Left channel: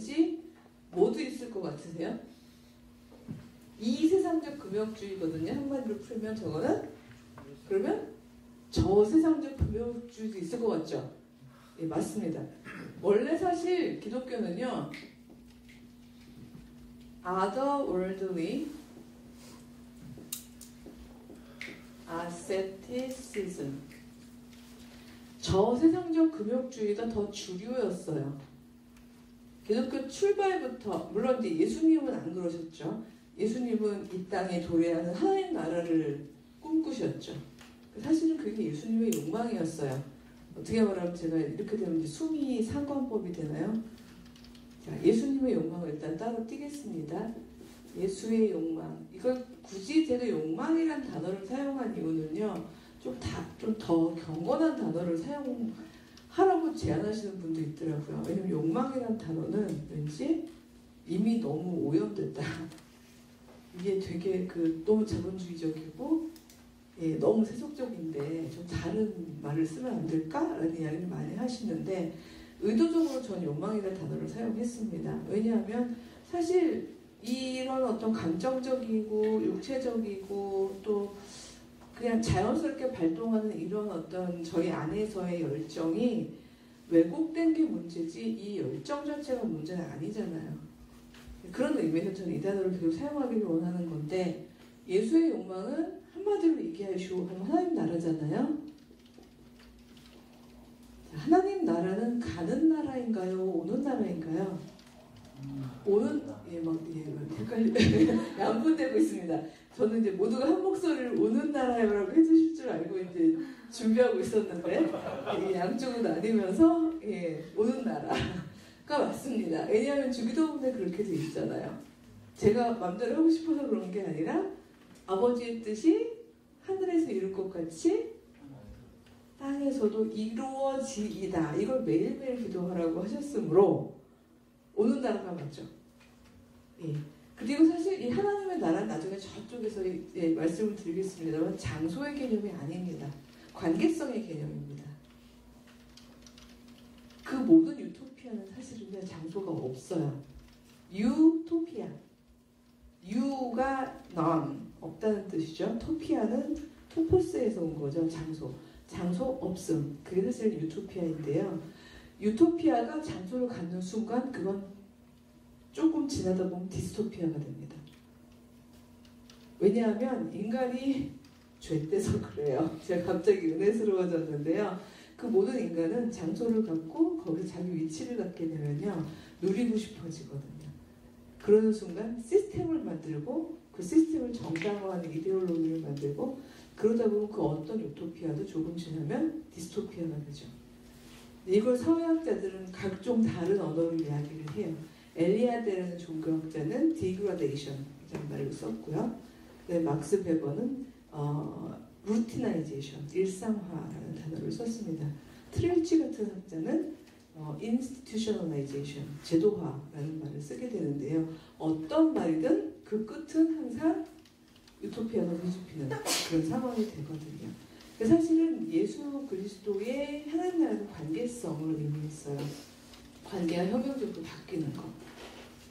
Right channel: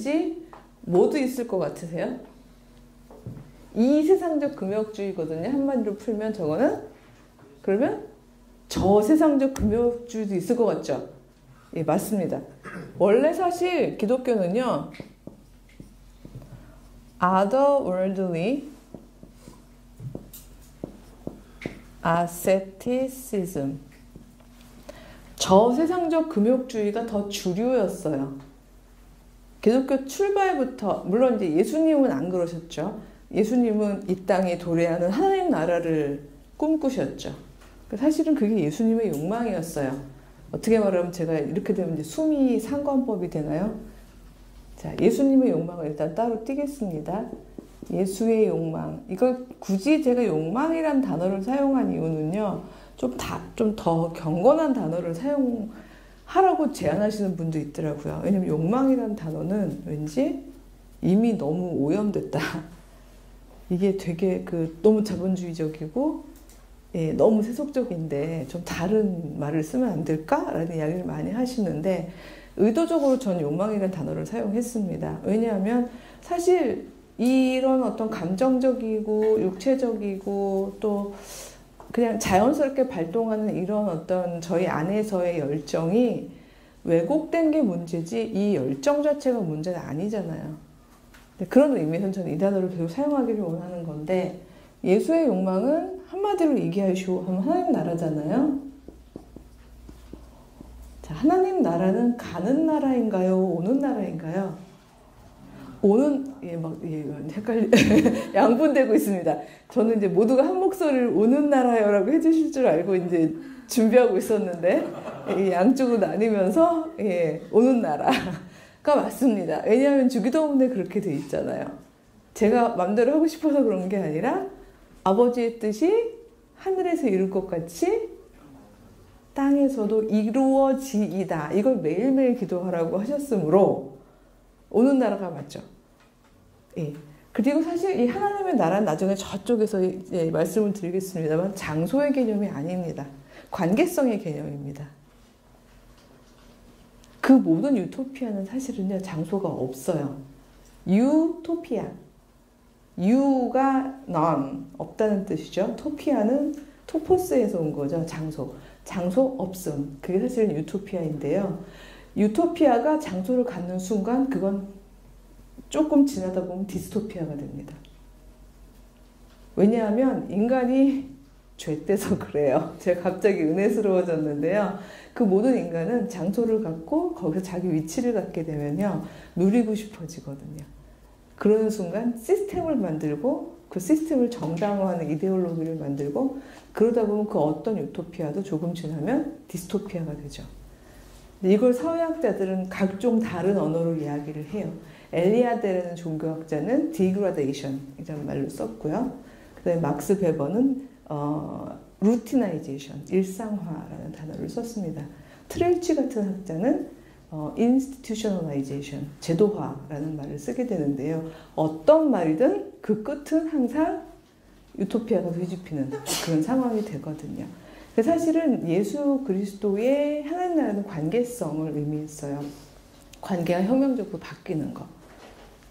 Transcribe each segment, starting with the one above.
왠지 뭐도 있을 것 같으세요? 이 세상적 금욕주의거든요. 한마디로 풀면 저거는. 그러면 저 세상적 금욕주의도 있을 것 같죠? 예, 맞습니다. 원래 사실 기독교는요, otherworldly asceticism, 저 세상적 금욕주의가 더 주류였어요. 기독교 출발부터, 물론 이제 예수님은 안 그러셨죠. 예수님은 이 땅에 도래하는 하나님 나라를 꿈꾸셨죠. 사실은 그게 예수님의 욕망이었어요. 어떻게 말하면 제가 이렇게 되면 이제 수미 상관법이 되나요? 자, 예수님의 욕망을 일단 따로 띄겠습니다. 예수의 욕망. 이걸 굳이 제가 욕망이란 단어를 사용한 이유는요, 좀 더 경건한 단어를 사용하라고 제안하시는 분도 있더라고요. 왜냐면 욕망이란 단어는 왠지 이미 너무 오염됐다. 이게 되게 너무 자본주의적이고, 예, 너무 세속적인데 좀 다른 말을 쓰면 안 될까라는 이야기를 많이 하시는데, 의도적으로 전 욕망이라는 단어를 사용했습니다. 왜냐하면 사실 이런 어떤 감정적이고 육체적이고 또 그냥 자연스럽게 발동하는 이런 어떤 저희 안에서의 열정이 왜곡된 게 문제지 이 열정 자체가 문제는 아니잖아요. 그런 의미에서 저는 이 단어를 계속 사용하기를 원하는 건데, 예수의 욕망은 한마디로 얘기하시오 하면 하나님 나라잖아요. 자, 하나님 나라는 가는 나라인가요? 오는 나라인가요? 오는, 양분되고 있습니다. 저는 이제 모두가 한 목소리를 오는 나라요라고 해주실 줄 알고 이제 준비하고 있었는데, 양쪽으로 나뉘면서, 오는 나라가 맞습니다. 왜냐하면 주기도문에 그렇게 돼 있잖아요. 제가 마음대로 하고 싶어서 그런 게 아니라, 아버지의 뜻이 하늘에서 이룰 것 같이 땅에서도 이루어지이다. 이걸 매일매일 기도하라고 하셨으므로 오는 나라가 맞죠. 예. 그리고 사실 이 하나님의 나라는 나중에 저쪽에서 이제 말씀을 드리겠습니다만 장소의 개념이 아닙니다. 관계성의 개념입니다. 그 모든 유토피아는 사실은요, 장소가 없어요. 유토피아. 유가 none, 없다는 뜻이죠. 토피아는 토포스에서 온 거죠. 장소. 장소 없음. 그게 사실은 유토피아인데요. 유토피아가 장소를 갖는 순간 그건 조금 지나다 보면 디스토피아가 됩니다. 왜냐하면 인간이 죄돼서 그래요. 제가 갑자기 은혜스러워졌는데요. 그 모든 인간은 장소를 갖고 거기서 자기 위치를 갖게 되면요, 누리고 싶어지거든요. 그러는 순간 시스템을 만들고 그 시스템을 정당화하는 이데올로기를 만들고, 그러다 보면 그 어떤 유토피아도 조금 지나면 디스토피아가 되죠. 근데 이걸 사회학자들은 각종 다른 언어로 이야기를 해요. 엘리아데라는 종교학자는 디그라데이션이라는 말로 썼고요. 그 다음에 막스 베버는 루티나이제이션, 일상화라는 단어를 썼습니다. 트렐치 같은 학자는 institutionalization, 제도화라는 말을 쓰게 되는데요. 어떤 말이든 그 끝은 항상 유토피아가 뒤집히는 그런 상황이 되거든요. 사실은 예수 그리스도의 하나님 나라는 관계성을 의미했어요. 관계가 혁명적으로 바뀌는 거.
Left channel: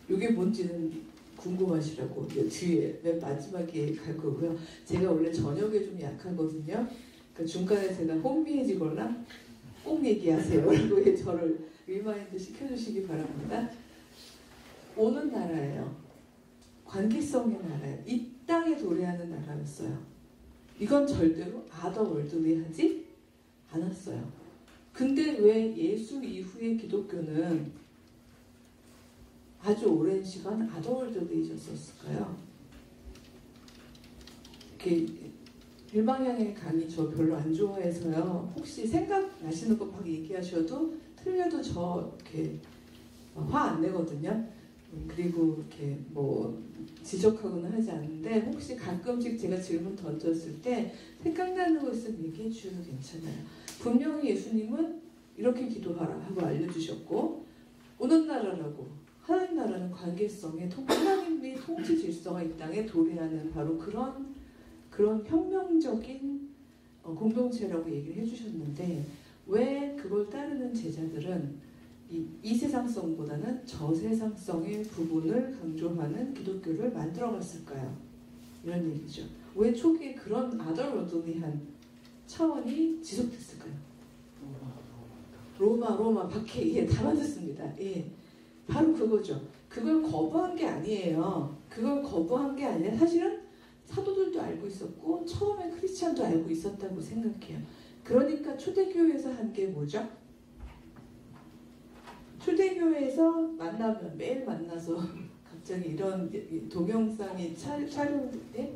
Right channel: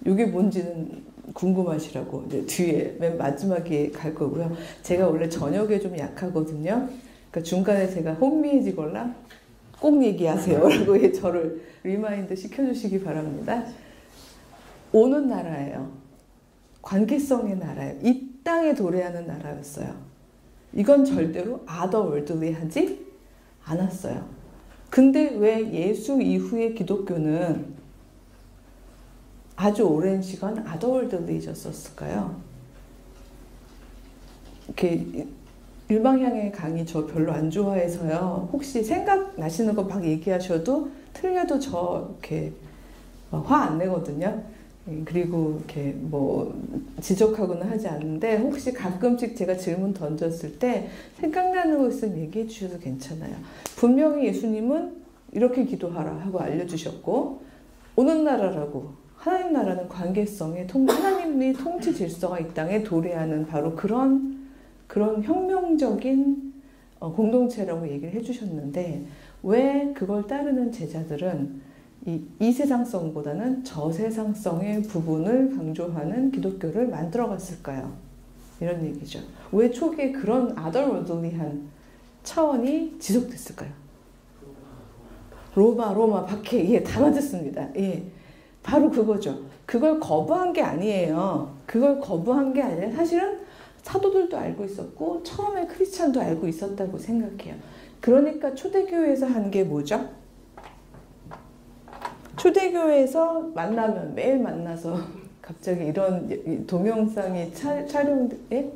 이게 뭔지는 궁금하시라고 이제 뒤에 맨 마지막에 갈 거고요. 제가 원래 저녁에 좀 약하거든요. 그러니까 중간에 제가 혼미해지거나 꼭 얘기하세요 라고 저를 리마인드 시켜주시기 바랍니다. 오는 나라예요. 관계성의 나라예요. 이 땅에 도래하는 나라였어요. 이건 절대로 otherworldly하지 않았어요. 근데 왜 예수 이후의 기독교는 아주 오랜 시간 otherworldly해졌었을까요? 이렇게 일방향의 강의 저 별로 안 좋아해서요. 혹시 생각나시는 거 막 얘기하셔도 틀려도 저 이렇게 화 안 내거든요. 그리고 이렇게 뭐 지적하거나 하지 않는데, 혹시 가끔씩 제가 질문 던졌을 때 생각나는 거 있으면 얘기해 주셔도 괜찮아요. 분명히 예수님은 이렇게 기도하라 하고 알려주셨고, 오는 나라라고, 하나님 나라는 관계성에 하나님의 통치 질서가 이 땅에 도래하는 바로 그런 혁명적인 공동체라고 얘기를 해주셨는데, 왜 그걸 따르는 제자들은 이 세상성보다는 저세상성의 부분을 강조하는 기독교를 만들어갔을까요? 이런 얘기죠. 왜 초기에 그런 아덜워들리한 차원이 지속됐을까요? 로마, 박해, 예, 다 맞았습니다. 예, 바로 그거죠. 그걸 거부한 게 아니에요. 그걸 거부한 게 아니라 사실은 사도들도 알고 있었고 처음에 크리스찬도 알고 있었다고 생각해요. 그러니까 초대교회에서 한 게 뭐죠? 초대교회에서 만나면 매일 만나서 갑자기 이런 동영상이 촬영, 예?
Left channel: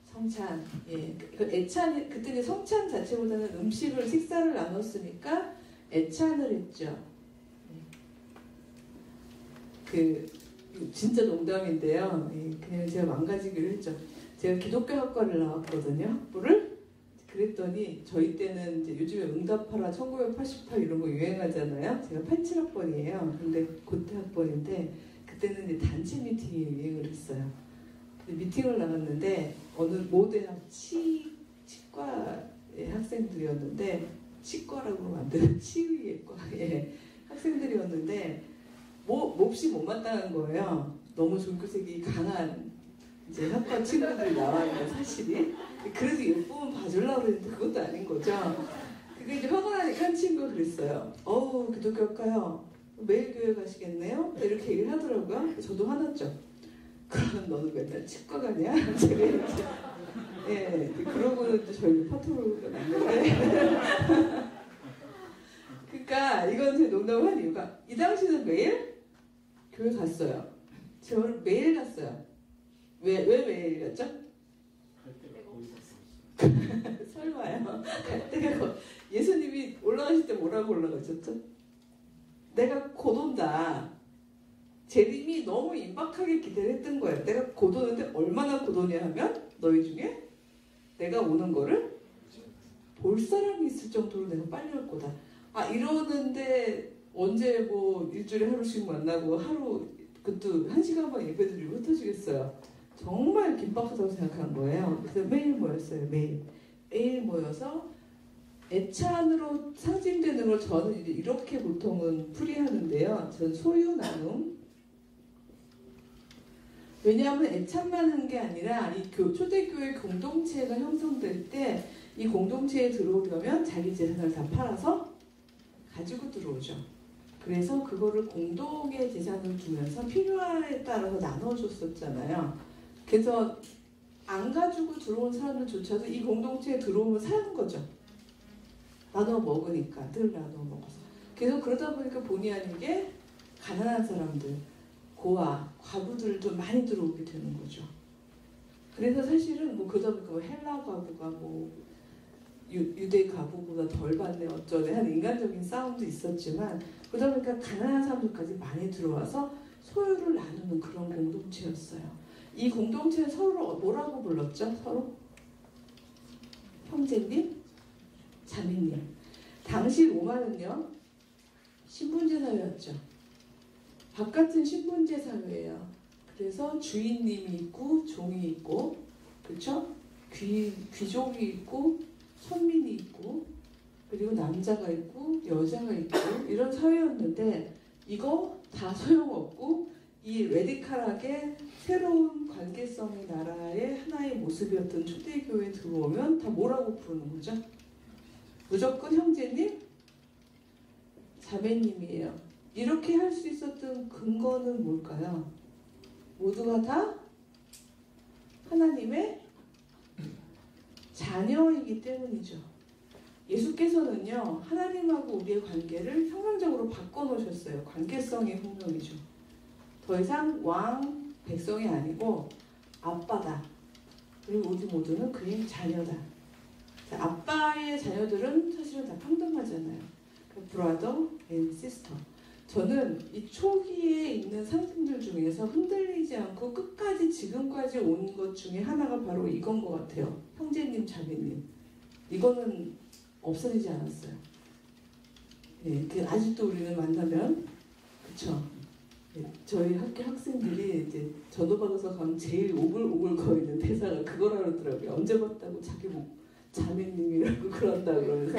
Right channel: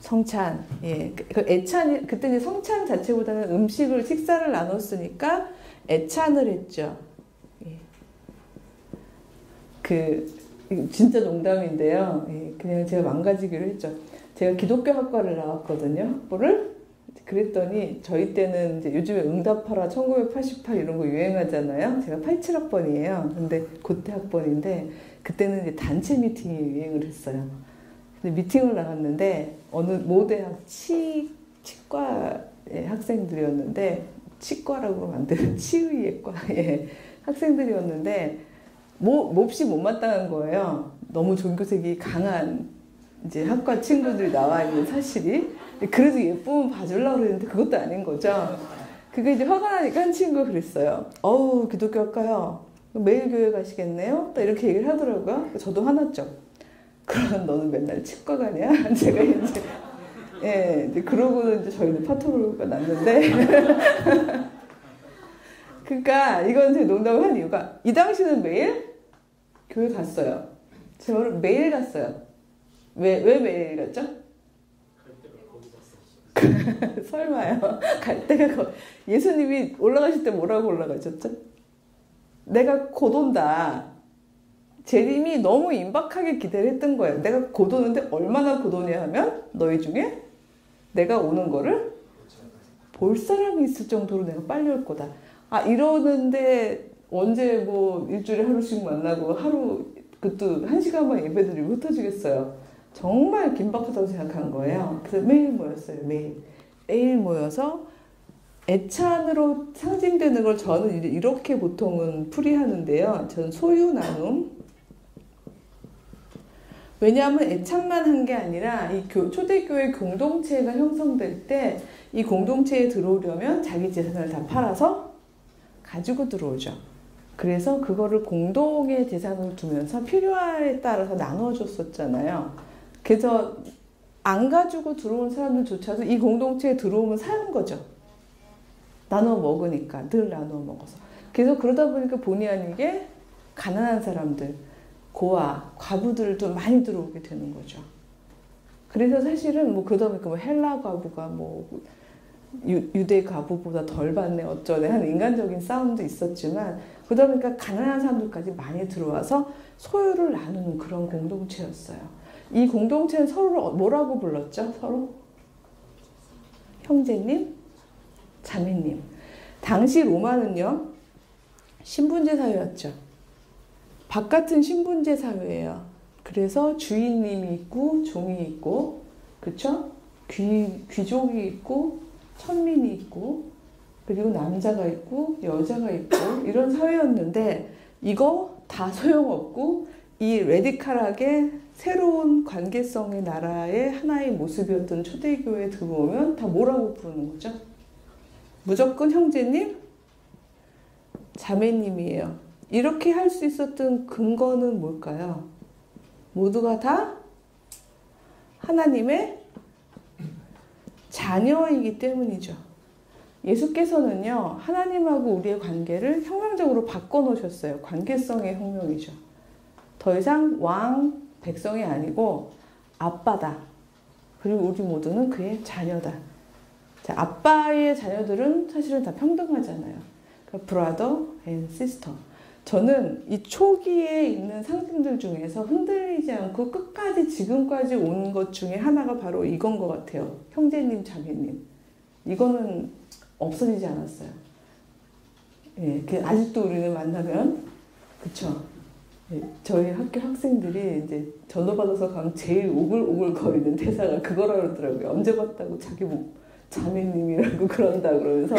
성찬, 예. 그 애찬, 그때 이제 성찬 자체보다는 음식을, 식사를 나눴으니까 애찬을 했죠. 예. 진짜 농담인데요. 예. 그냥 제가 망가지기로 했죠. 제가 기독교 학과를 나왔거든요, 학부를. 그랬더니 저희 때는 이제 요즘에 응답하라 1988 이런 거 유행하잖아요. 제가 87학번이에요. 근데 그때 학번인데 그때는 이제 단체 미팅이 유행을 했어요. 근데 미팅을 나갔는데 어느 모대학 치과의 학생들이었는데 치과라고 만드는 치의학과의 학생들이었는데 몹시 못마땅한 거예요. 너무 종교색이 강한 이제 학과 친구들 나와 있는 사실이. 그래도 예쁘면 봐주려고 그랬는데 그것도 아닌 거죠. 그게 이제 화가 나니까 한 친구가 그랬어요. 어우, 기독교 학과요. 매일 교회 가시겠네요? 또 이렇게 얘기를 하더라고요. 저도 화났죠. 그럼 너는 맨날 치과 가냐? 제가 이제, 예, 이제 그러고는 이제 저희는 파토가 났는데. 그러니까 이건 제 농담을 한 이유가 이 당시는 매일 교회 갔어요. 제가 매일 갔어요. 왜 매일 갔죠? 설마요. 갈 때가 예수님이 올라가실 때 뭐라고 올라가셨죠? 내가 곧 온다. 재림이 너무 임박하게 기대를 했던 거예요. 내가 곧 오는데 얼마나 곧 오냐 하면 너희 중에 내가 오는 거를 볼 사람이 있을 정도로 내가 빨리 올 거다. 아, 이러는데 언제 뭐 일주일에 하루씩 만나고 하루 그것도 1시간만 예배드리고 흩어지겠어요. 정말 긴박하다고 생각한 거예요. 그래서 매일 모였어요. 매일 모여서 애찬으로 상징되는 걸 저는 이제 이렇게 보통은 풀이하는데요. 저는 소유 나눔. 왜냐하면 애찬만 한 게 아니라 이 초대교회 공동체가 형성될 때 이 공동체에 들어오려면 자기 재산을 다 팔아서 가지고 들어오죠. 그래서 그거를 공동의 재산으로 두면서 필요에 따라서 나눠줬었잖아요. 그래서 안 가지고 들어온 사람들조차도 이 공동체에 들어오면 사는 거죠. 나눠 먹으니까, 늘 나눠 먹어서. 그래서 그러다 보니까 본의 아니게 가난한 사람들, 고아, 과부들도 많이 들어오게 되는 거죠. 그래서 사실은 뭐 그러다 보니까 뭐 헬라 과부가 뭐 유대 과부보다 덜 받네 어쩌네 하는 인간적인 싸움도 있었지만 그러다 보니까 가난한 사람들까지 많이 들어와서 소유를 나누는 그런 공동체였어요. 이 공동체는 서로 뭐라고 불렀죠? 서로? 형제님, 자매님. 당시 로마는요, 신분제 사회였죠. 바깥은 신분제 사회예요. 그래서 주인님이 있고 종이 있고, 그렇죠? 귀족이 있고 천민이 있고 그리고 남자가 있고 여자가 있고 이런 사회였는데 이거 다 소용없고 이 레디칼하게 새로운 관계성의 나라의 하나의 모습이었던 초대교회에 들어오면 다 뭐라고 부르는 거죠? 무조건 형제님, 자매님이에요. 이렇게 할 수 있었던 근거는 뭘까요? 모두가 다 하나님의 자녀이기 때문이죠. 예수께서는요, 하나님하고 우리의 관계를 혁명적으로 바꿔놓으셨어요. 관계성의 혁명이죠. 더 이상 왕, 백성이 아니고 아빠다. 그리고 우리 모두는 그의 자녀다. 자, 아빠의 자녀들은 사실은 다 평등하잖아요. 그러니까 brother and sister. 저는 이 초기에 있는 상징들 중에서 흔들리지 않고 끝까지 지금까지 온 것 중에 하나가 바로 이건 것 같아요. 형제님, 자매님. 이거는 없어지지 않았어요. 예, 아직도 우리는 만나면, 그쵸. 예, 저희 학교 학생들이 이제 전화 받아서 가면 제일 오글오글 거리는 대사가 그거라 그러더라고요. 언제 봤다고 자매님이라고 그런다 그러면서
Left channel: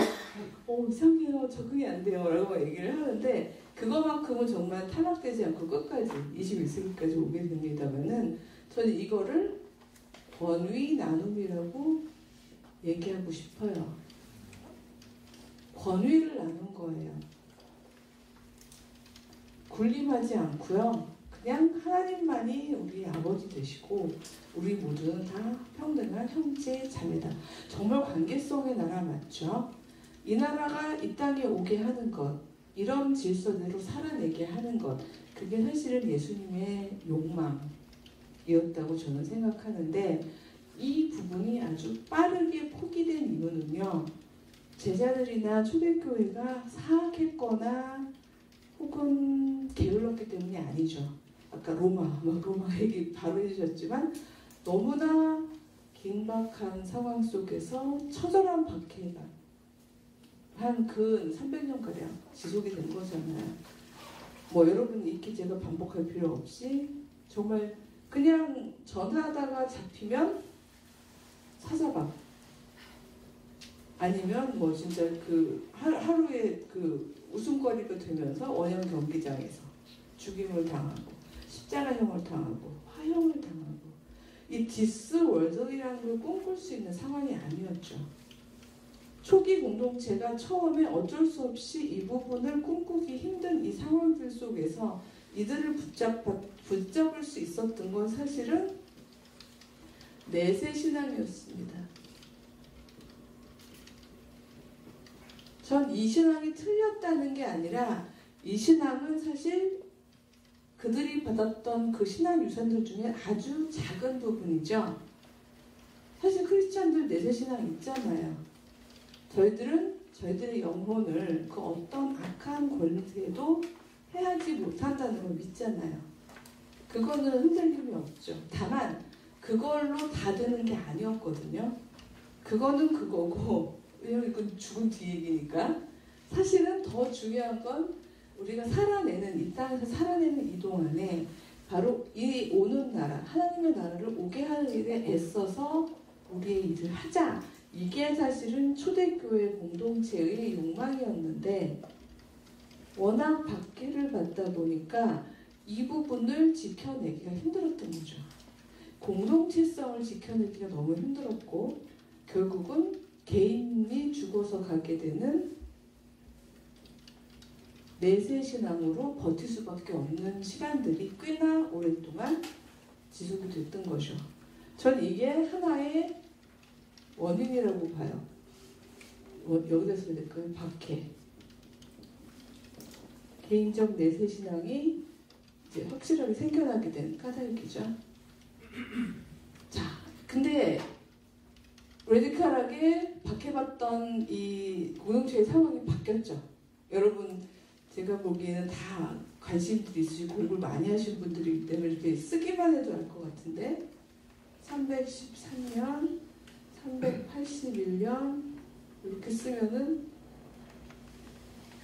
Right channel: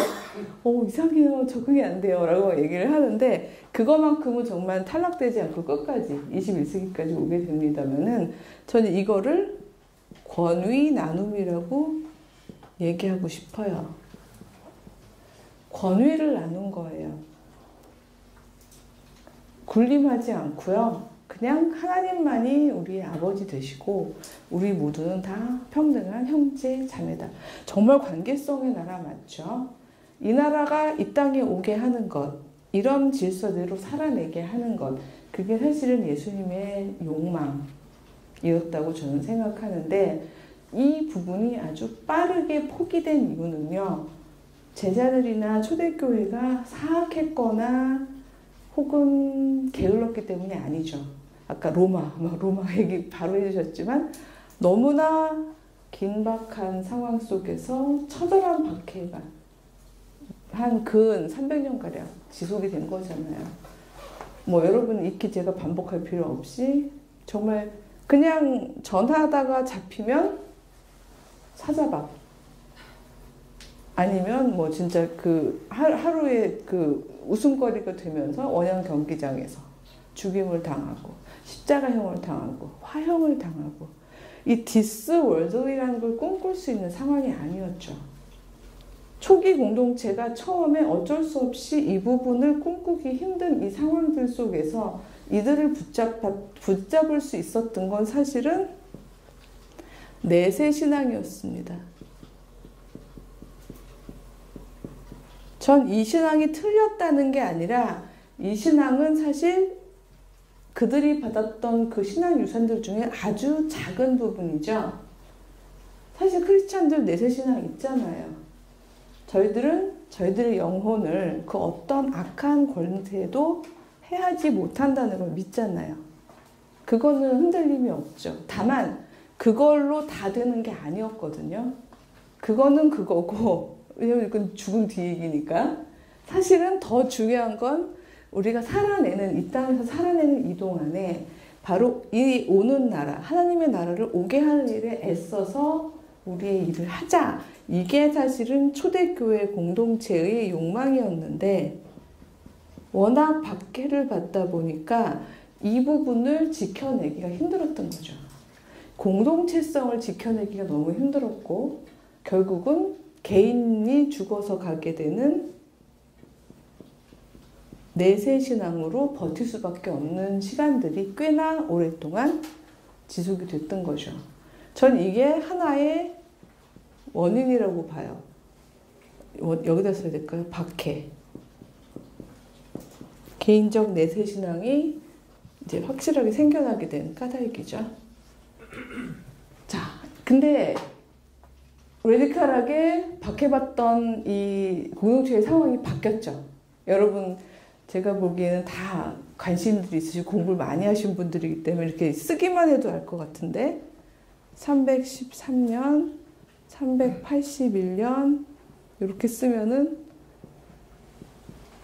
이상해요. 적응이 안 돼요. 라고 얘기를 하는데 그것만큼은 정말 탈락되지 않고 끝까지 21세기까지 오게 됩니다만은 저는 이거를 권위 나눔이라고 얘기하고 싶어요. 권위를 나눈 거예요. 군림하지 않고요. 그냥 하나님만이 우리의 아버지 되시고 우리 모두는 다 평등한 형제 자매다. 정말 관계성의 나라 맞죠? 이 나라가 이 땅에 오게 하는 것, 이런 질서대로 살아내게 하는 것, 그게 사실은 예수님의 욕망이었다고 저는 생각하는데 이 부분이 아주 빠르게 포기된 이유는요. 제자들이나 초대교회가 사악했거나 혹은 게을렀기 때문이 아니죠. 아까 로마 얘기 바로 해주셨지만 너무나 긴박한 상황 속에서 처절한 박해가 한 근 300년가량 지속이 된 거잖아요. 여러분 익히 제가 반복할 필요 없이 정말 그냥 전화하다가 잡히면 사자박 아니면 진짜 그 하루에 그 웃음거리가 되면서 원형 경기장에서 죽임을 당하고 십자가형을 당하고 화형을 당하고 이 디스 월드이라는 걸 꿈꿀 수 있는 상황이 아니었죠. 초기 공동체가 처음에 어쩔 수 없이 이 부분을 꿈꾸기 힘든 이 상황들 속에서 이들을 붙잡을 수 있었던 건 사실은 내세 신앙이었습니다. 전 이 신앙이 틀렸다는 게 아니라 이 신앙은 사실 그들이 받았던 그 신앙 유산들 중에 아주 작은 부분이죠. 사실 크리스찬들 내세 신앙 있잖아요. 저희들은 저희들의 영혼을 그 어떤 악한 권태도 해하지 못한다는 걸 믿잖아요. 그거는 흔들림이 없죠. 다만 그걸로 다 되는 게 아니었거든요. 그거는 그거고 왜냐면 이건 죽은 뒤 얘기니까. 사실은 더 중요한 건 우리가 살아내는 이 땅에서 살아내는 이 동안에 바로 이 오는 나라, 하나님의 나라를 오게 할 일에 애써서 우리의 일을 하자. 이게 사실은 초대교회 공동체의 욕망이었는데 워낙 박해를 받다 보니까 이 부분을 지켜내기가 힘들었던 거죠. 공동체성을 지켜내기가 너무 힘들었고 결국은 개인이 죽어서 가게 되는 내세 신앙으로 버틸 수밖에 없는 시간들이 꽤나 오랫동안 지속이 됐던 거죠. 전 이게 하나의 원인이라고 봐요. 여기다 써야 될까요? 박해. 개인적 내세 신앙이 이제 확실하게 생겨나게 된 까닭이죠. 자, 근데 레디컬하게 박해받던 이 공동체의 상황이 바뀌었죠. 여러분, 제가 보기에는 다 관심들이 있으시고 공부를 많이 하신 분들이기 때문에 이렇게 쓰기만 해도 알 것 같은데 313년, 381년 이렇게 쓰면은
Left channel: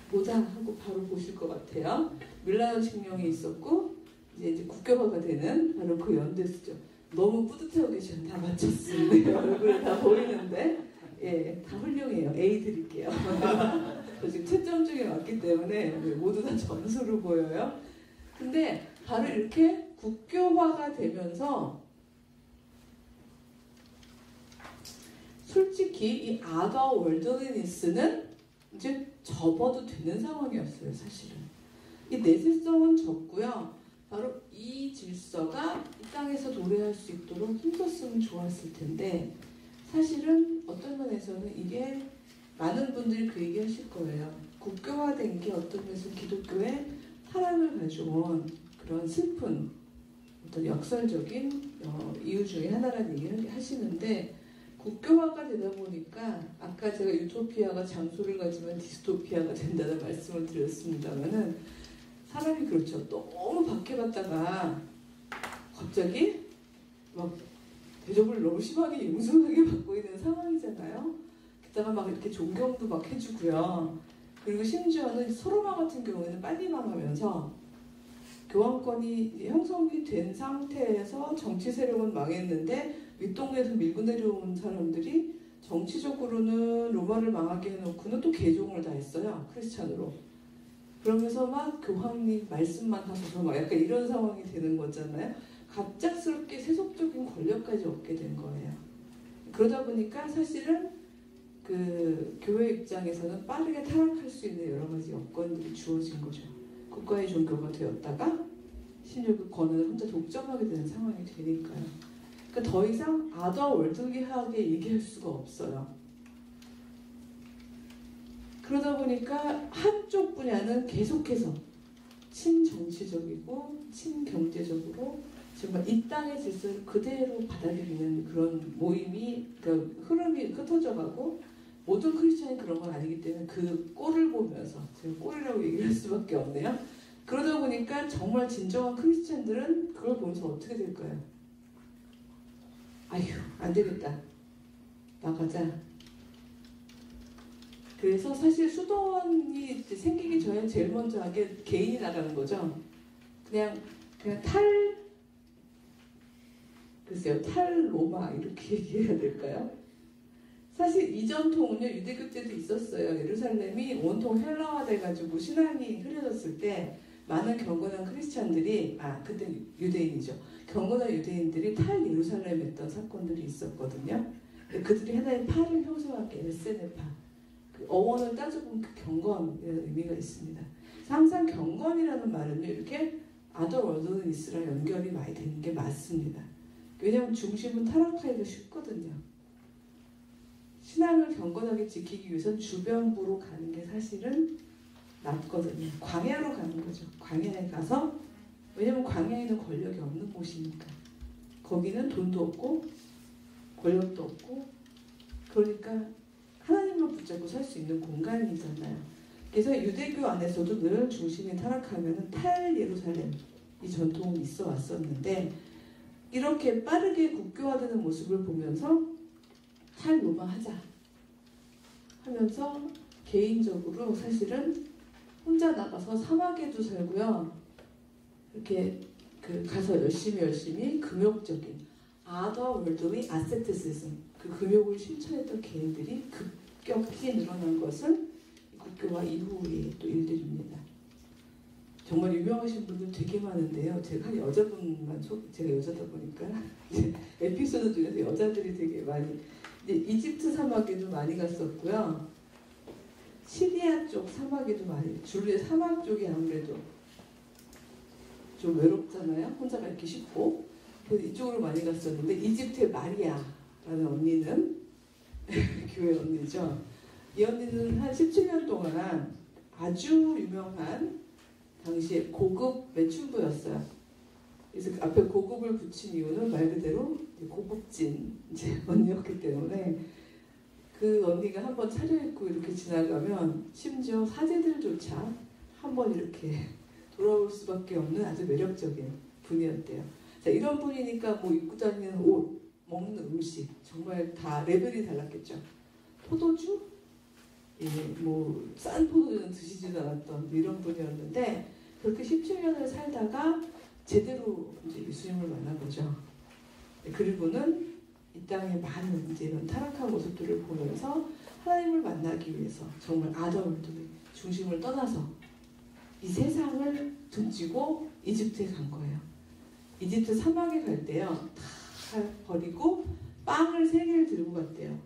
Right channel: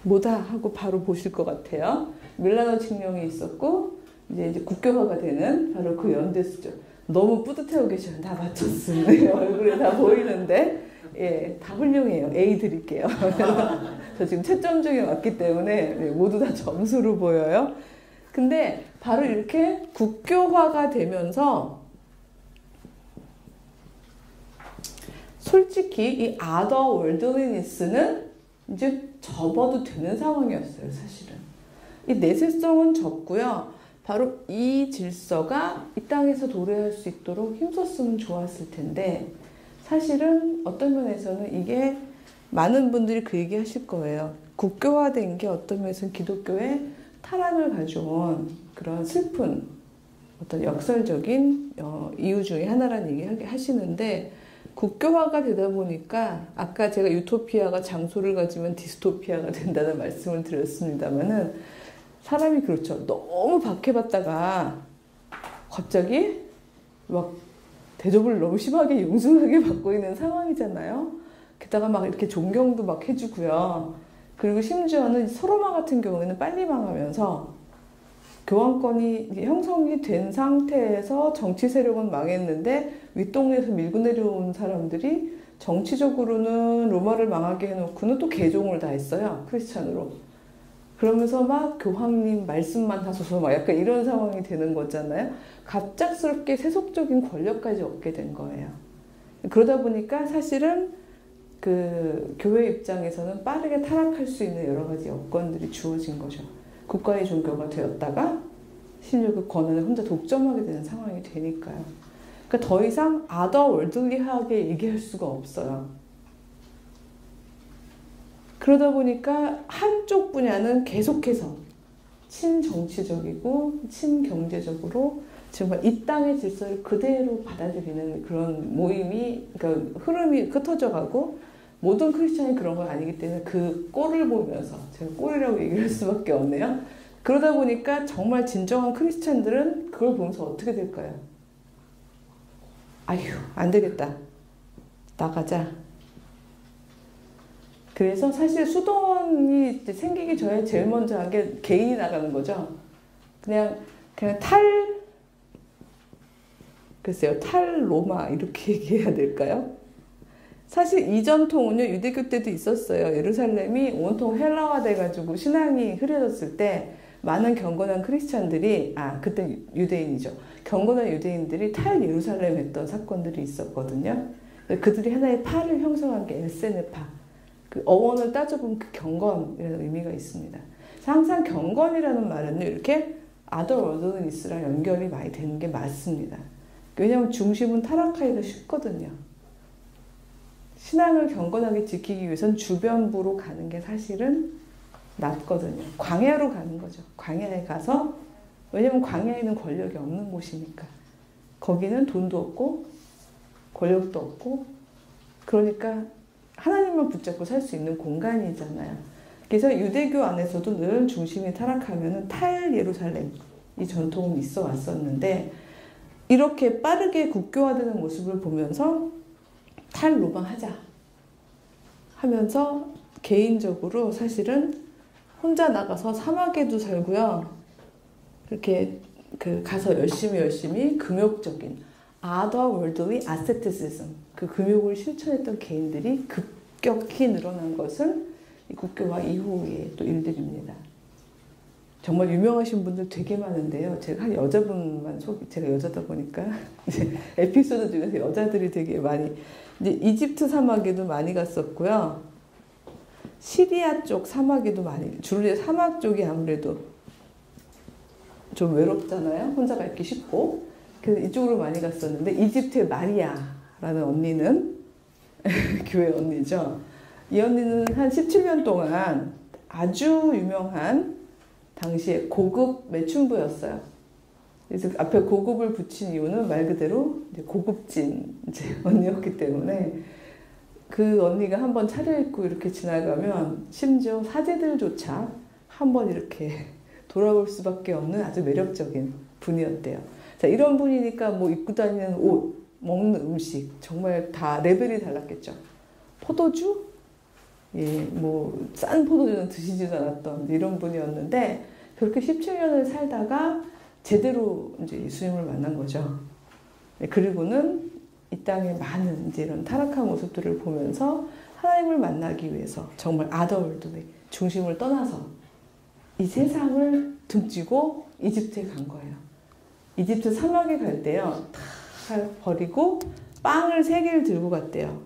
뭐다 하고 바로 보실 것 같아요. 밀라노 칙령이 있었고 이제 국교화가 되는 바로 그 연대수죠. 너무 뿌듯해하고 계셔요. 다 맞췄습니다. 얼굴에 다 보이는데 예, 다 훌륭해요. A 드릴게요. 저 지금 채점 중에 왔기 때문에 모두 다 점수로 보여요. 근데 바로 이렇게 국교화가 되면서 솔직히 이 아더 월드리니스는 이제 접어도 되는 상황이었어요. 사실은 이 내세성은 접고요. 바로 이 질서가 이 땅에서 도래할 수 있도록 힘썼으면 좋았을 텐데 사실은 어떤 면에서는 이게 많은 분들이 그 얘기 하실 거예요. 국교화된 게 어떤 면에서는 기독교의 타락을 가져온 그런 슬픈 어떤 역설적인 이유 중에 하나라는 얘기 하시는데 국교화가 되다 보니까 아까 제가 유토피아가 장소를 가지면 디스토피아가 된다는 말씀을 드렸습니다만은 사람이 그렇죠. 너무 박해받다가 갑자기 막 대접을 너무 심하게 융숭하게 받고 있는 상황이잖아요. 게다가 막 이렇게 존경도 막 해주고요. 그리고 심지어는 서로마 같은 경우에는 빨리 망하면서 교황권이 형성이 된 상태에서 정치 세력은 망했는데 윗동네에서 밀고 내려온 사람들이 정치적으로는 로마를 망하게 해놓고는 또 개종을 다 했어요. 크리스찬으로. 그러면서 막 교황님 말씀만 하소서 막 약간 이런 상황이 되는 거잖아요. 갑작스럽게 세속적인 권력까지 얻게 된 거예요. 그러다 보니까 사실은 그 교회 입장에서는 빠르게 타락할 수 있는 여러 가지 여건들이 주어진 거죠. 국가의 종교가 되었다가 심지어 그 권한을 혼자 독점하게 되는 상황이 되니까요. 그러니까 더 이상 아더 월들리하게 얘기할 수가 없어요. 그러다 보니까 한쪽 분야는 계속해서 친정치적이고 친경제적으로 정말 이 땅의 질서를 그대로 받아들이는 그런 모임이, 그러니까 흐름이 흩어져 가고, 모든 크리스찬이 그런 건 아니기 때문에 그 꼴을 보면서, 제가 꼴이라고 얘기할 수밖에 없네요. 그러다 보니까 정말 진정한 크리스찬들은 그걸 보면서 어떻게 될까요? 아휴, 안 되겠다. 나가자. 그래서 사실 수도원이 생기기 전에 제일 먼저 한 게 개인이 나가는 거죠. 그냥 글쎄요, 탈로마 이렇게 얘기해야 될까요? 사실 이 전통은요, 유대교 때도 있었어요. 예루살렘이 온통 헬라화 돼가지고 신앙이 흐려졌을 때 많은 경건한 크리스찬들이, 그때 유대인이죠. 경건한 유대인들이 탈 예루살렘 했던 사건들이 있었거든요. 그들이 하나의 파를 형성한 게 엘세네파. 그 어원을 따져보면 그 경건이라는 의미가 있습니다. 항상 경건이라는 말은 이렇게 아더월드니스랑 연결이 많이 되는 게 맞습니다. 왜냐하면 중심은 타락하기가 쉽거든요. 신앙을 경건하게 지키기 위해서는 주변부로 가는 게 사실은 낫거든요. 광야로 가는 거죠. 광야에 가서, 왜냐면 광야에는 권력이 없는 곳이니까. 거기는 돈도 없고 권력도 없고, 그러니까 하나님만 붙잡고 살 수 있는 공간이잖아요. 그래서 유대교 안에서도 늘 중심이 타락하면 탈 예루살렘, 이 전통은 있어 왔었는데, 이렇게 빠르게 국교화되는 모습을 보면서 탈 로마 하자 하면서 개인적으로 사실은 혼자 나가서 사막에도 살고요. 이렇게 가서 열심히 금욕적인 아더 월드리 아세티시즘, 그 금욕을 실천했던 개인들이 급격히 늘어난 것을 이 국교화 이후의 또 일들입니다. 정말 유명하신 분들 되게 많은데요. 제가 한 여자분만 제가 여자다 보니까 에피소드 중에서 여자들이 되게 많이, 이제 이집트 사막에도 많이 갔었고요. 시리아 쪽 사막에도 많이, 주로 사막 쪽이 아무래도 좀 외롭잖아요. 혼자 가기 쉽고. 그래서 이쪽으로 많이 갔었는데, 이집트의 마리아라는 언니는 교회 언니죠. 이 언니는 한 17년 동안 아주 유명한 당시에 고급 매춘부였어요. 그래서 앞에 고급을 붙인 이유는 말 그대로 고급진 언니였기 때문에, 그 언니가 한번 차려입고 이렇게 지나가면 심지어 사제들조차 한번 이렇게 돌아올 수밖에 없는 아주 매력적인 분이었대요. 자, 이런 분이니까 뭐 입고 다니는 옷, 먹는 음식 정말 다 레벨이 달랐겠죠. 포도주? 예, 뭐 싼 포도주는 드시지도 않았던 이런 분이었는데, 그렇게 17년을 살다가 제대로 이제 예수님을 만난 거죠. 그리고는 이 땅에 많은 이제 이런 타락한 모습들을 보면서 하나님을 만나기 위해서 정말 아더월드의 중심을 떠나서 이 세상을 등지고 이집트에 간 거예요. 이집트 사막에 갈 때요, 다 버리고 빵을 3개를 들고 갔대요.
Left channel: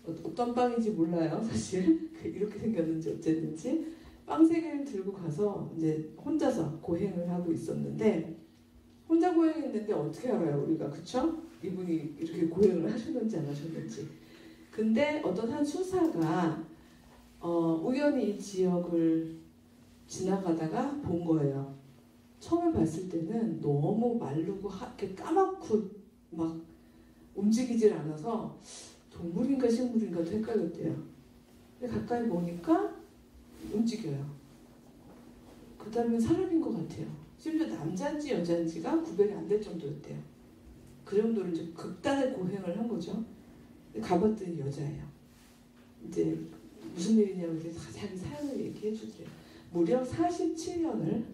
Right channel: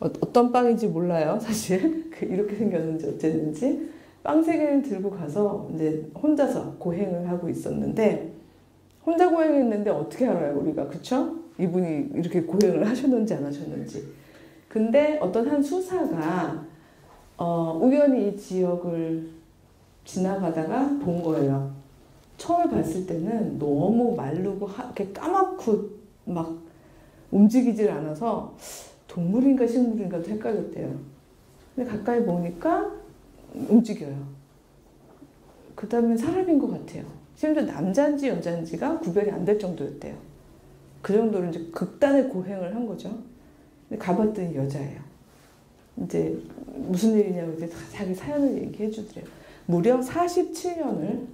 어떤 빵인지 몰라요, 사실. 이렇게 생겼는지 어쨌는지. 빵 3개를 들고 가서 이제 혼자서 고행을 하고 있었는데, 혼자 고행했는데 어떻게 알아요, 우리가? 그쵸? 이분이 이렇게 고행을 하셨는지 안 하셨는지. 근데 어떤 한 수사가 우연히 이 지역을 지나가다가 본 거예요. 처음에 봤을 때는 너무 마르고 이렇게 까맣고 막 움직이질 않아서 동물인가 식물인가도 헷갈렸대요. 근데 가까이 보니까 움직여요. 그 다음에 사람인 것 같아요. 심지어 남자인지 여자인지가 구별이 안 될 정도였대요. 그 정도로 이제 극단의 고행을 한 거죠. 근데 가봤더니 여자예요. 이제 무슨 일이냐고 이제 자기 사연을 얘기해 주더래요. 무려 47년을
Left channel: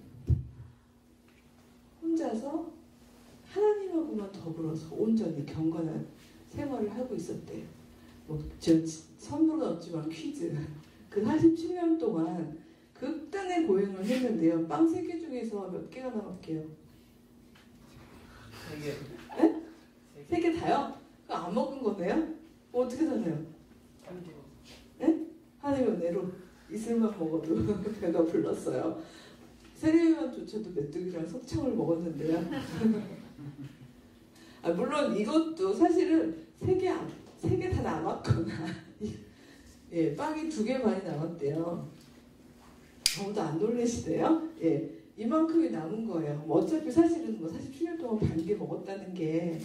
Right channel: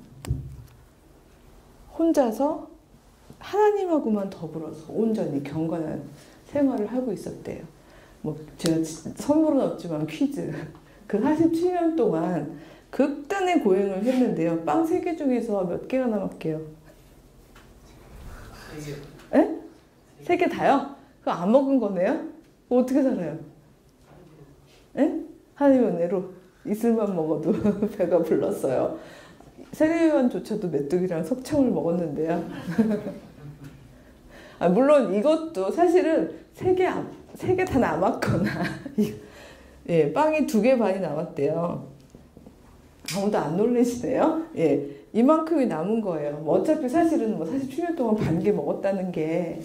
혼자서 하나님하고만 더불어서 온전히 경건한 생활을 하고 있었대요. 뭐 제가 선물은 없지만 퀴즈. 그 47년 동안 극단의 고행을 했는데요. 빵 3개 중에서 몇 개가 남았게요? 3개. 에? 3개 다요? 그거 안 먹은 거네요? 어떻게 살아요? 에? 하나님의 은혜로 이슬만 먹어도 배가 불렀어요. 세례요한조차도 메뚜기랑 석청을 먹었는데요. 아, 물론 이것도 사실은 3개 다 남았거나 예, 빵이 2개 반이 남았대요. 아무도 안 놀라시네요. 예, 이만큼이 남은 거예요. 뭐 어차피 사실은 뭐 47년 동안 반 개 먹었다는 게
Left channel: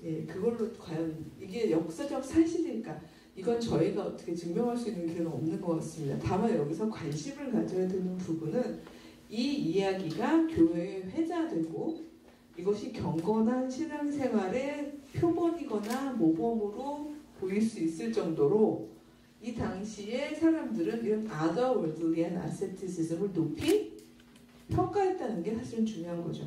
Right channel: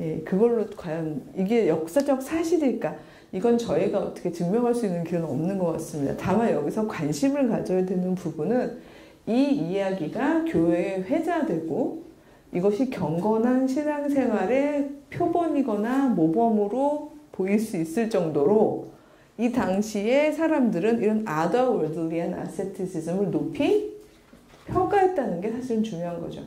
예, 그걸로 과연 이게 역사적 사실일까? 이건 저희가 어떻게 증명할 수 있는 길은 없는 것 같습니다. 다만 여기서 관심을 가져야 되는 부분은 이 이야기가 교회에 회자되고 이것이 경건한 신앙생활의 표본이거나 모범으로 보일 수 있을 정도로 이 당시에 사람들은 이런 otherworldly한 asceticism을 높이 평가했다는 게 사실은 중요한 거죠.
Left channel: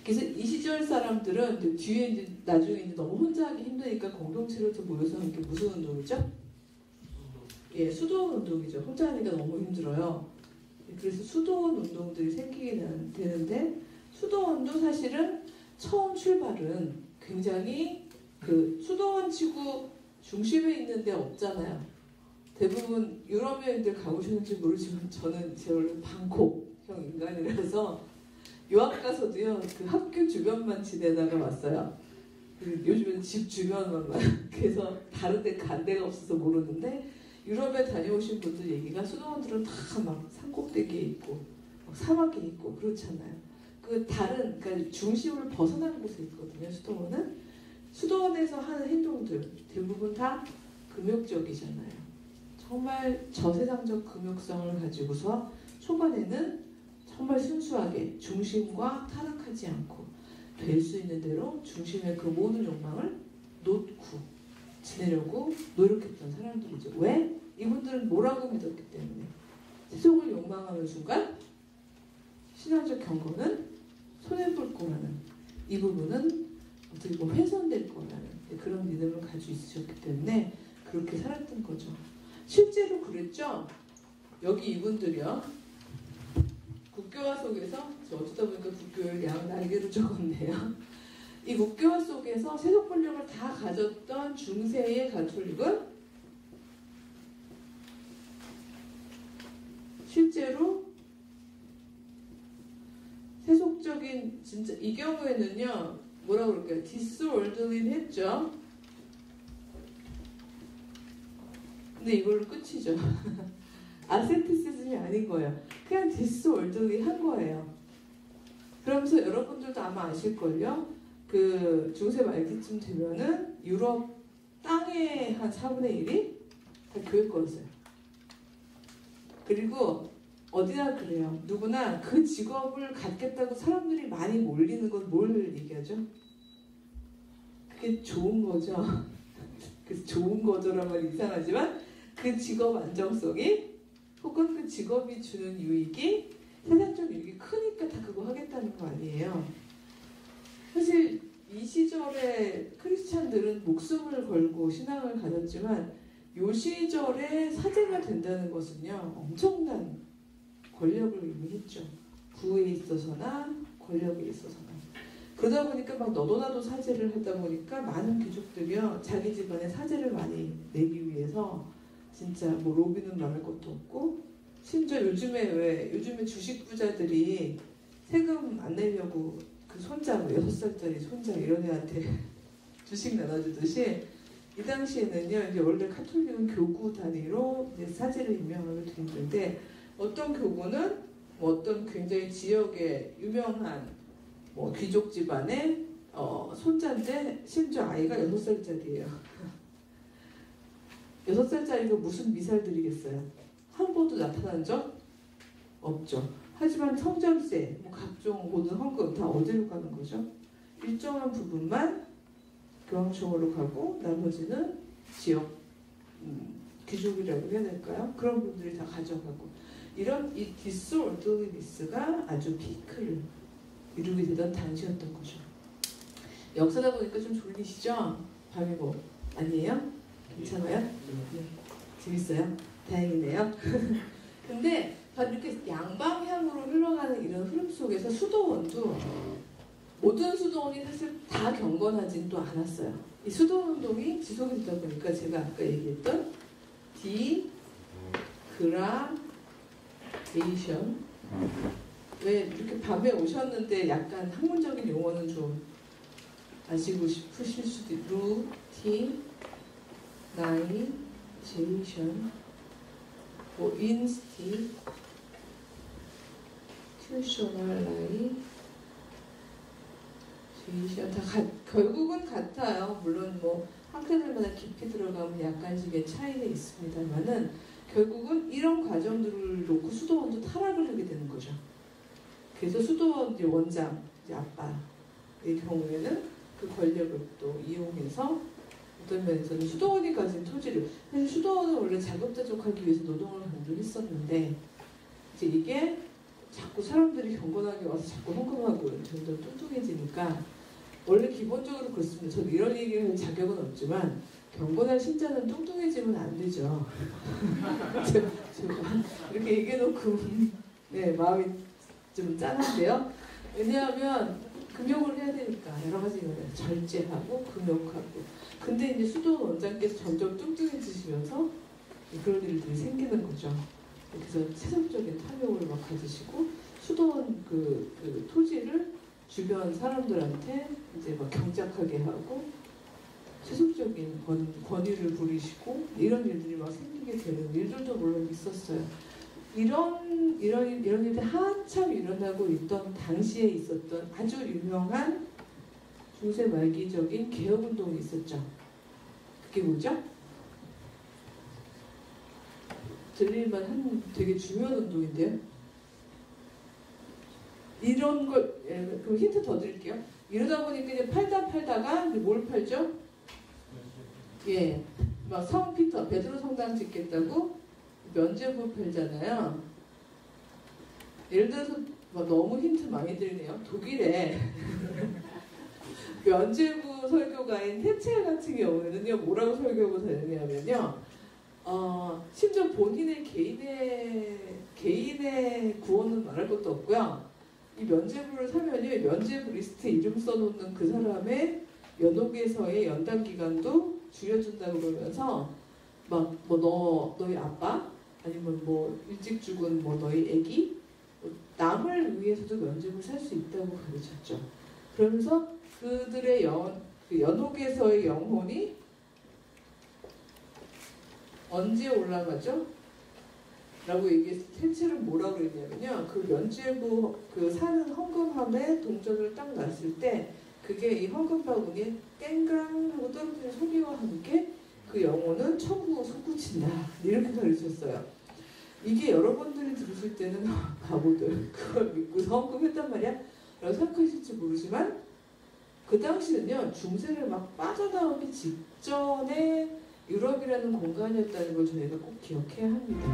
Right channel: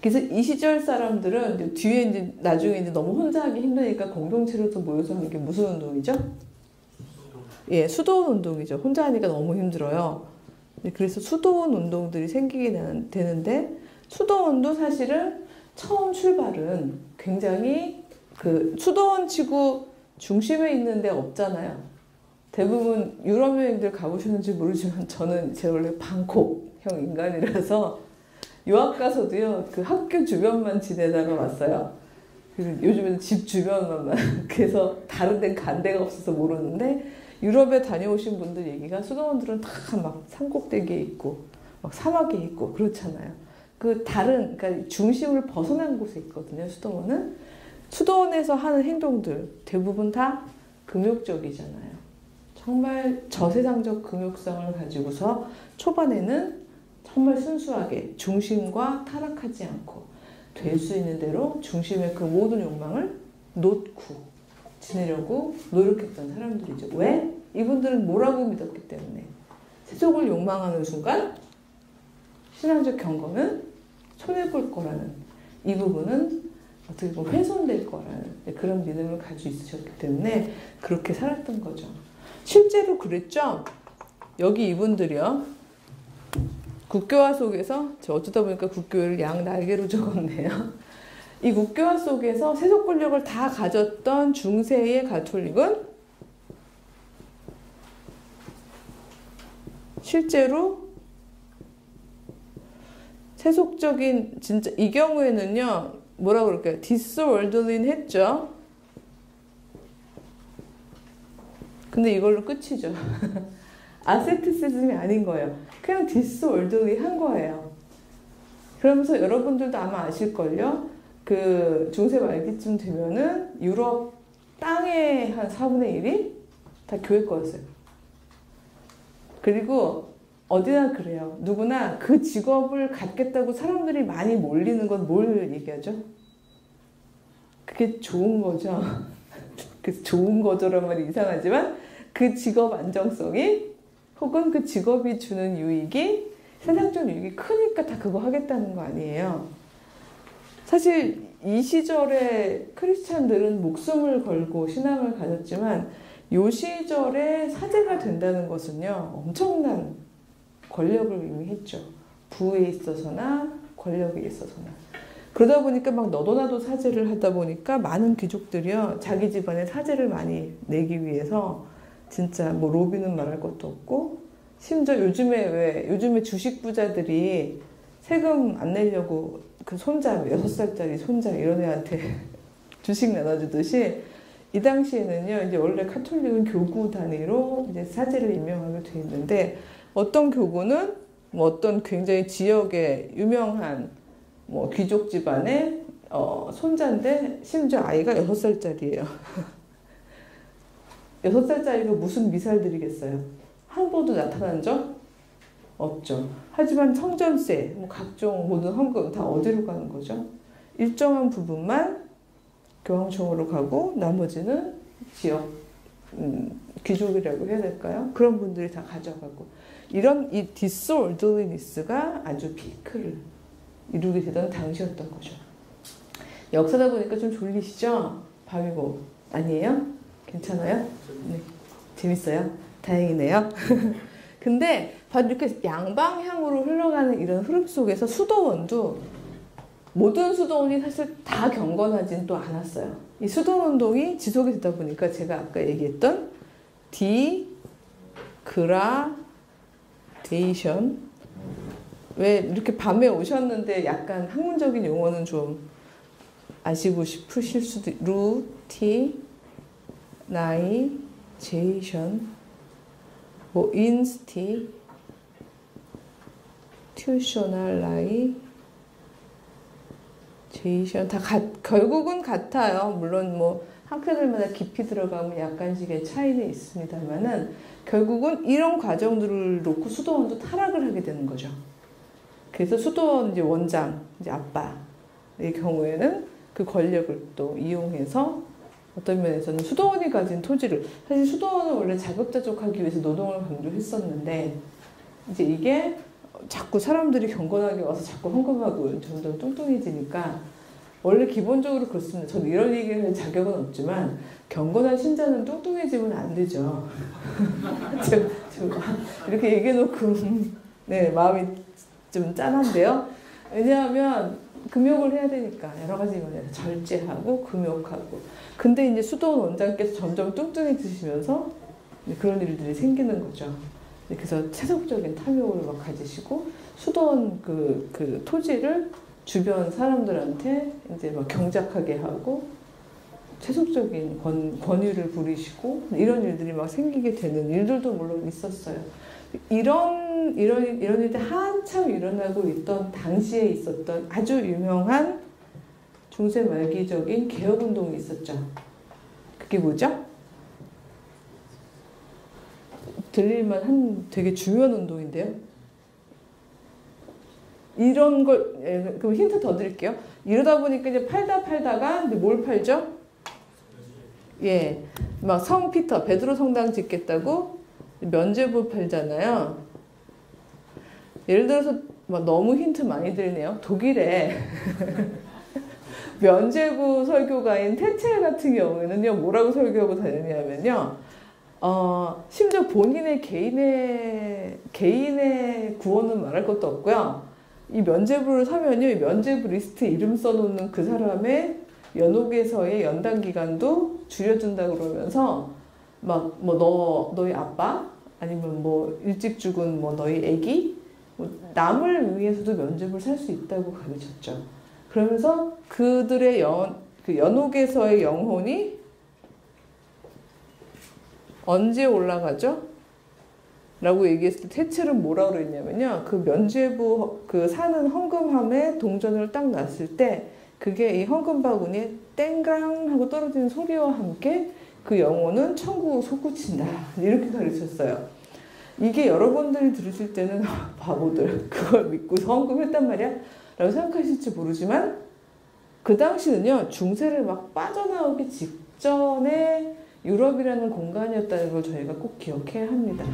그래서 이 시절 사람들은 이제 뒤에 이제 나중에 이제 너무 혼자 하기 힘드니까 공동체로 또 모여서 하는 게 무슨 운동이죠? 예, 수도원 운동이죠. 혼자 하니까 너무 힘들어요. 그래서 수도원 운동들이 생기게 되는데 수도원도 사실은 처음 출발은 굉장히 그 수도원 치고 중심에 있는 데 없잖아요. 대부분 유럽 여행들 가보셨는지 모르지만 저는 제 원래 방콕형 인간이라서 유학 가서도요 그 학교 주변만 지내다가 왔어요. 요즘에는 집 주변만 그래서 다른 데 간 데가 없어서 모르는데 유럽에 다녀오신 분들 얘기가 수도원들은 다 막 산꼭대기에 있고 막 사막에 있고 그렇잖아요. 그 다른 그러니까 중심을 벗어난 곳에 있거든요. 수도원은 수도원에서 하는 행동들 대부분 다 금욕적이잖아요. 정말 저세상적 금욕성을 가지고서 초반에는 정말 순수하게 중심과 타락하지 않고 될 수 있는 대로 중심의 그 모든 욕망을 놓고 지내려고 노력했던 사람들이죠. 왜? 이분들은 뭐라고 믿었기 때문에 세속을 욕망하는 순간 신앙적 경건은 손해볼 거라는 이 부분은 어떻게 보면 훼손될 거라는 그런 믿음을 가지고 있으셨기 때문에 그렇게 살았던 거죠. 실제로 그랬죠. 여기 이분들이요. 국교화 속에서 저 어쩌다 보니까 국교를 양 날개로 적었네요. 이 국교화 속에서 세속 권력을 다 가졌던 중세의 가톨릭은 실제로 세속적인 진짜 이 경우에는요 뭐라고 그럴까요? 디스월들린 했죠. 근데 이걸로 끝이죠. 아세티시즘이 아닌 거예요. 그냥 디스월들리 한 거예요. 그러면서 여러분들도 아마 아실걸요. 그 중세 말기쯤 되면은 유럽 땅의 한 4분의 1이 다 교회 거였어요. 그리고 어디나 그래요. 누구나 그 직업을 갖겠다고 사람들이 많이 몰리는 건 뭘 얘기하죠? 그게 좋은 거죠. 그래서 좋은 거죠란 말이 이상하지만 그 직업 안정성이 혹은 그 직업이 주는 유익이 세상적 유익이 크니까 다 그거 하겠다는 거 아니에요. 사실 이 시절에 크리스찬들은 목숨을 걸고 신앙을 가졌지만 이 시절에 사제가 된다는 것은요 엄청난 권력을 의미했죠. 부에 있어서나 권력에 있어서나. 그러다 보니까 막 너도 나도 사제를 하다 보니까 많은 귀족들이요 자기 집안에 사제를 많이 내기 위해서 진짜 뭐 로비는 말할 것도 없고 심지어 요즘에 주식 부자들이 세금 안 내려고 그 손자 6살짜리 손자 이런 애한테 주식 나눠주듯이 이 당시에는요 이제 원래 카톨릭은 교구 단위로 이제 사제를 임명하게 돼 있는데 어떤 교구는 뭐 어떤 굉장히 지역의 유명한 뭐 귀족 집안의 손자인데 심지어 아이가 6살짜리예요. 6살짜리가 무슨 미살들이겠어요? 한 번도 나타난 적 없죠. 하지만 성전세, 뭐 각종 모든 헌금 다 어디로 가는 거죠? 일정한 부분만 교황청으로 가고 나머지는 지역 귀족이라고 해야 될까요? 그런 분들이 다 가져가고 이런 이 디스올더리니스가 아주 피크를 이루게 되던 당시였던 거죠. 역사다 보니까 좀 졸리시죠? 밤이고 아니에요? 괜찮아요? 네. 재밌어요? 다행이네요. 근데 바로 이렇게 양방향으로 흘러가는 이런 흐름 속에서 수도원도 모든 수도원이 사실 다 경건하진 또 않았어요. 이 수도원 운동이 지속이 되다 보니까 제가 아까 얘기했던 디그라데이션, 왜 이렇게 밤에 오셨는데 약간 학문적인 용어는 좀 아시고 싶으실 수도, 루티나이제이션, 뭐 인스티튜셔널라이제이션 다 결국은 같아요. 물론 뭐 학교들마다 깊이 들어가면 약간씩의 차이는 있습니다만은 결국은 이런 과정들을 놓고 수도원도 타락을 하게 되는 거죠. 그래서 수도원 이제 원장, 이제 아빠의 경우에는 그 권력을 또 이용해서 어떤 면에서는 수도원이 가진 토지를, 사실 수도원은 원래 자급자족하기 위해서 노동을 강조했었는데 이제 이게 자꾸 사람들이 경건하게 와서 자꾸 헌금하고 점점 뚱뚱해지니까, 원래 기본적으로 그렇습니다. 저는 이런 얘기는 할 자격은 없지만 경건한 신자는 뚱뚱해지면 안 되죠. 이렇게 얘기해놓고 네, 마음이 좀 짠한데요. 왜냐하면 금욕을 해야 되니까 여러 가지 면에서 절제하고 금욕하고. 근데 이제 수도원 원장께서 점점 뚱뚱해지시면서 그런 일들이 생기는 거죠. 그래서 체속적인 탐욕을 막 가지시고 수도원 그 토지를 주변 사람들한테 이제 막 경작하게 하고 세속적인 권위를 부리시고 이런 일들이 막 생기게 되는 일들도 물론 있었어요. 이런 일들이 한참 일어나고 있던 당시에 있었던 아주 유명한 중세 말기적인 개혁운동이 있었죠. 그게 뭐죠? 들릴만 한 되게 중요한 운동인데요. 이런 걸, 그럼 힌트 더 드릴게요. 이러다 보니까 이제 팔다가 이제 뭘 팔죠? 예, 막 성 피터, 베드로 성당 짓겠다고 면죄부 팔잖아요. 예를 들어서 막 너무 힌트 많이 드리네요. 독일에 면죄부 설교가인 테첼 같은 경우에는요, 뭐라고 설교하고 다녔냐면요, 심지어 본인의 개인의 구원은 말할 것도 없고요. 이 면죄부를 사면요, 이 면죄부 리스트에 이름 써놓는 그 사람의 연옥에서의 연단 기간도 줄여준다 그러면서 막 뭐 너희 아빠 아니면 뭐 일찍 죽은 뭐 너희 애기 뭐 남을 위해서도 면죄부를 살 수 있다고 가르쳤죠. 그러면서 그들의 그 연옥에서의 영혼이 언제 올라가죠? 라고 얘기했을 때 테첼은 뭐라고 그랬냐면요, 그 면죄부 그 사는 헌금함에 동전을 딱 놨을 때 그게 이 헌금 바구니에 땡강 하고 떨어지는 소리와 함께 그 영혼은 천국으로 솟구친다, 이렇게 가르쳤어요. 이게 여러분들이 들으실 때는 바보들 그걸 믿고 헌금했단 말이야? 라고 생각하실지 모르지만 그 당시는요, 중세를 막 빠져나오기 직전에 유럽이라는 공간이었다는 걸 저희가 꼭 기억해야 합니다.